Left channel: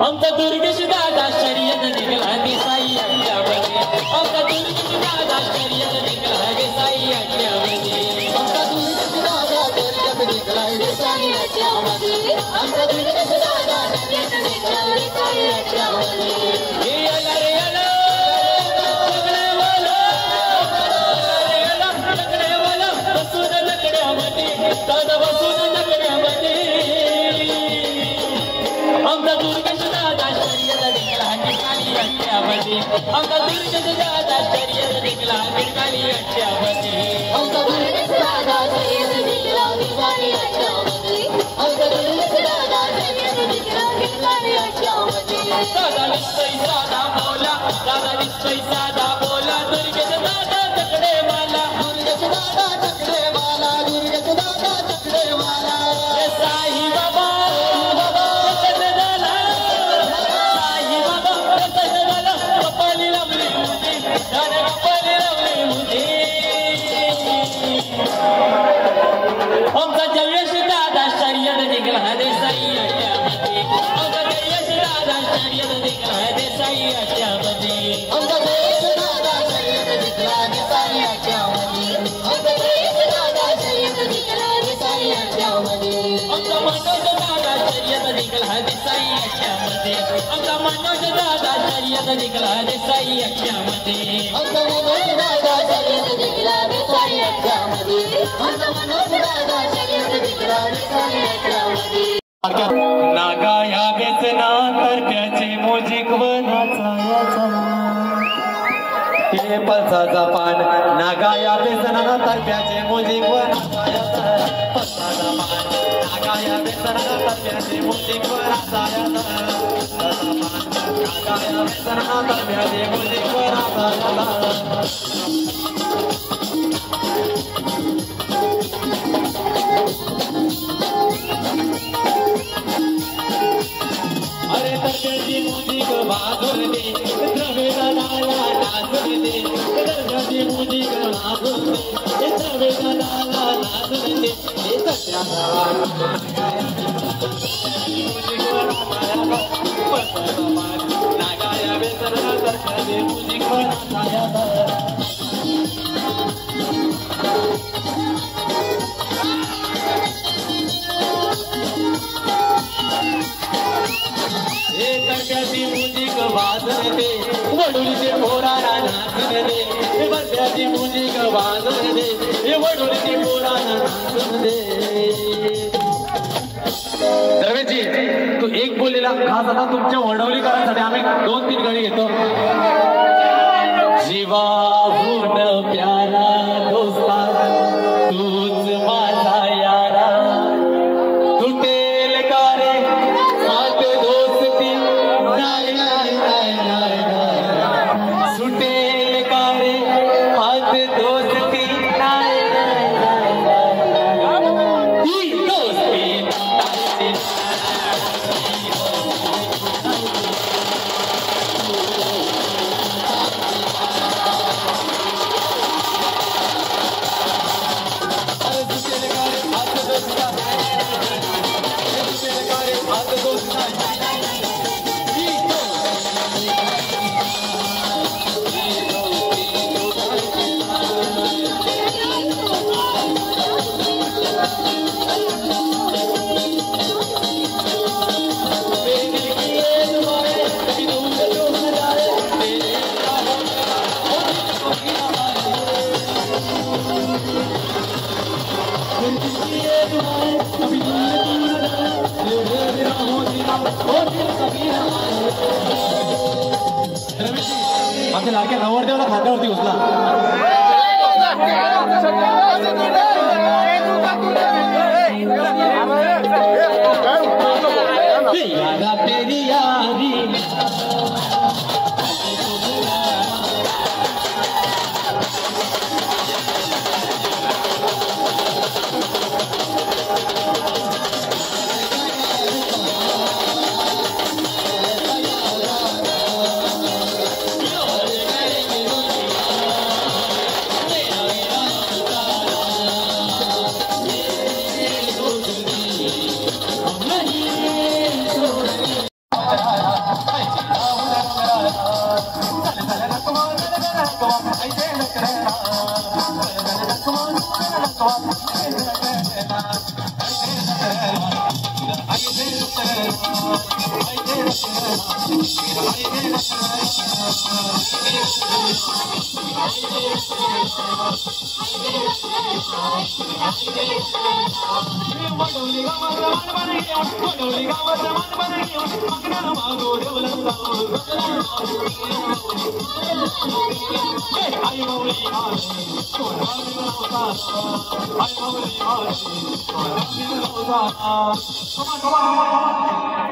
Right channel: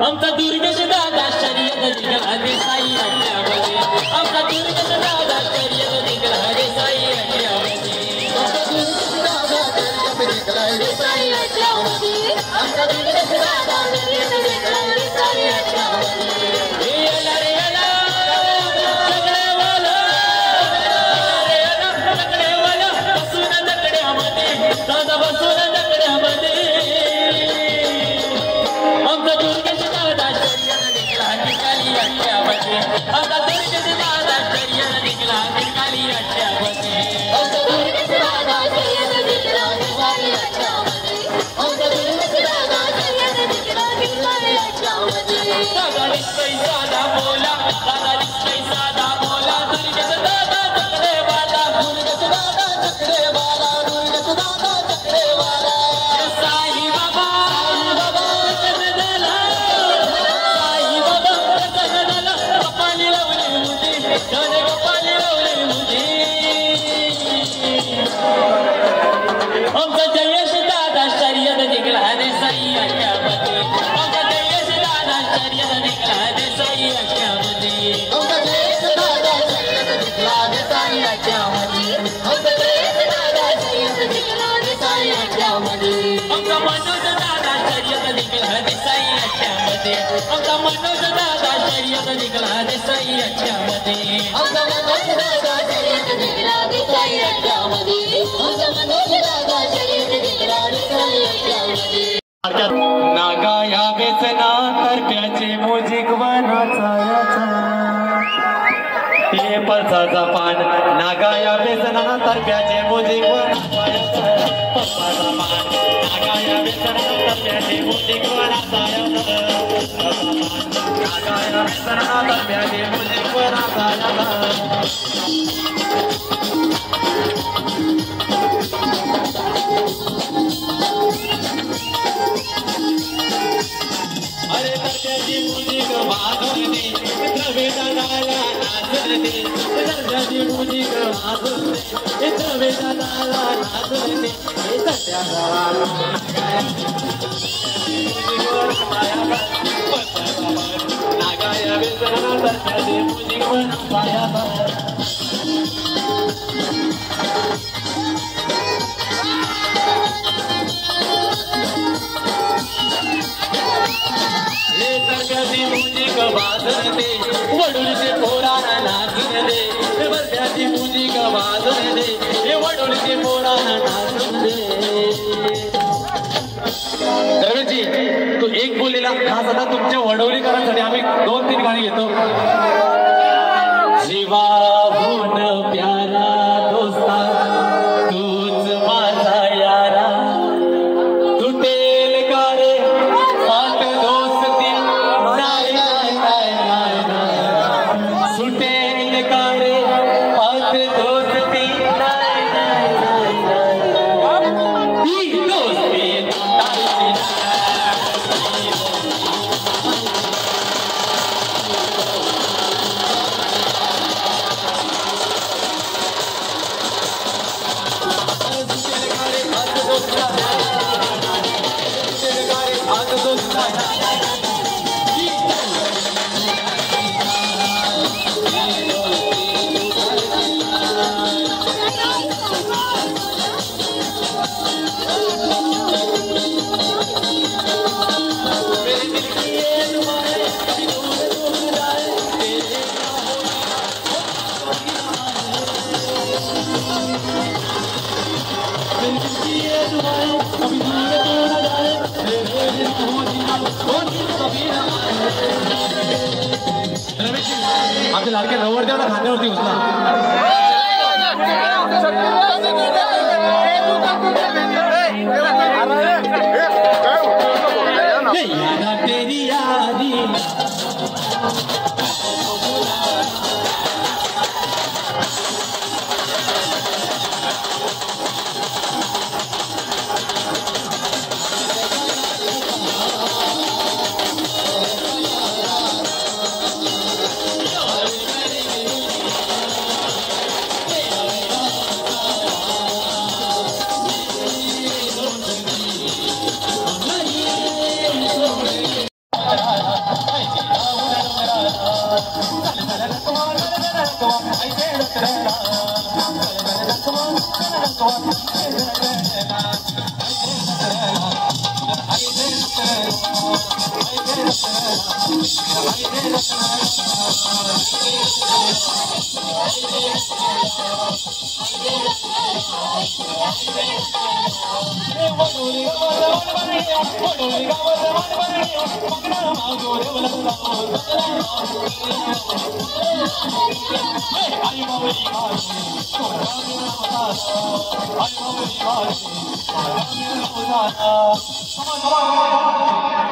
आमचा दुर्गेश दादा शर्यत निघाला रे साई अड्ड्यामध्ये आमचा दुर्गेश दादा शर्यत निघाला रे साई अड्ड्यामध्ये आमचा दुर्गेश दादा शर्यत निघाला रे साई अड्ड्यामध्ये आमचा दुर्गेश दादा शर्यत निघाला रे साई अड्ड्यामध्ये हे याला रे याला लकड्यावाला बसून लकड्यामध्ये दादा बसून लकड्यामध्ये आमचा दुर्गेश दादा शर्यत निघाला निकाली अड्ड्यामध्ये आमचा दुर्गेश दादा शर्यत निघाला निकाली अड्ड्यामध्ये आमचा दुर्गेश दादा शर्यत निघाला निकाली अड्ड्यामध्ये आमचा दुर्गेश दादा शर्यत निघाला निकाली अड्ड्यामध्ये दादा निश्चय साधा बोला दादा निश्चय साधा बोला दुर्गेश दादा चकडेवाला दुर्गेश दादा चकडेवाला दुर्गेश दादा चकडेवाला साई बाबा आमचा जयेश दादा शर्यत निघाला रे साई अड्ड्यामध्ये आमचा जयेश दादा शर्यत निघाला रे साई अड्ड्यामध्ये आमचा जयेश दादा शर्यत निघाला रे साई अड्ड्यामध्ये आमचा जयेश दादा शर्यत निघाला रे साई अड्ड्यामध्ये आमचा मनोज दादा शर्यत निघाला रे साई अड्ड्यामध्ये आमचा मनोज दादा शर्यत निघाला रे साई अड्ड्यामध्ये आमचा मनोज दादा शर्यत निघाला रे साई अड्ड्यामध्ये आमचा मनोज दादा शर्यत निघाला रे साई अड्ड्यामध्ये नागा या बेचना करप्याचे मोजिक वनाचा हे पळसाचा पान नागा या बेचना करप्याचे मोजिक वनाचा नागा या बेचना करप्याचे मोजिक वनाचा नागा या बेचना करप्याचे मोजिक वनाचा अरे दर्जाची मुजिक वाजून दे द्रवेदाला नाचून दे दर्जाची मुजिक वाजून दे द्रवेदाला नाचून दे हे सत्याला नागाया बेसरा दर्जाची मुजिक वनाचा मुजिक वाजन दे वडूलचे पोराला नाचून दे वर्षाची मुजिक वाजन दे वडूलचे पोराला नाचून दे रवीजी तो एक बोललेला खास आता तुमच्या वडवलीकरांसाठी आम्ही 2-3 गाणी घेतो जीवाहून प्यारा दोस्ता तूच माझा यारा तुटेल का रे हात दोस्ती नाही सुटेल का रे हात दोस्ती नाही ही दोस्ती खांद्यावरती उचला. यारा तेरी यारी Come on.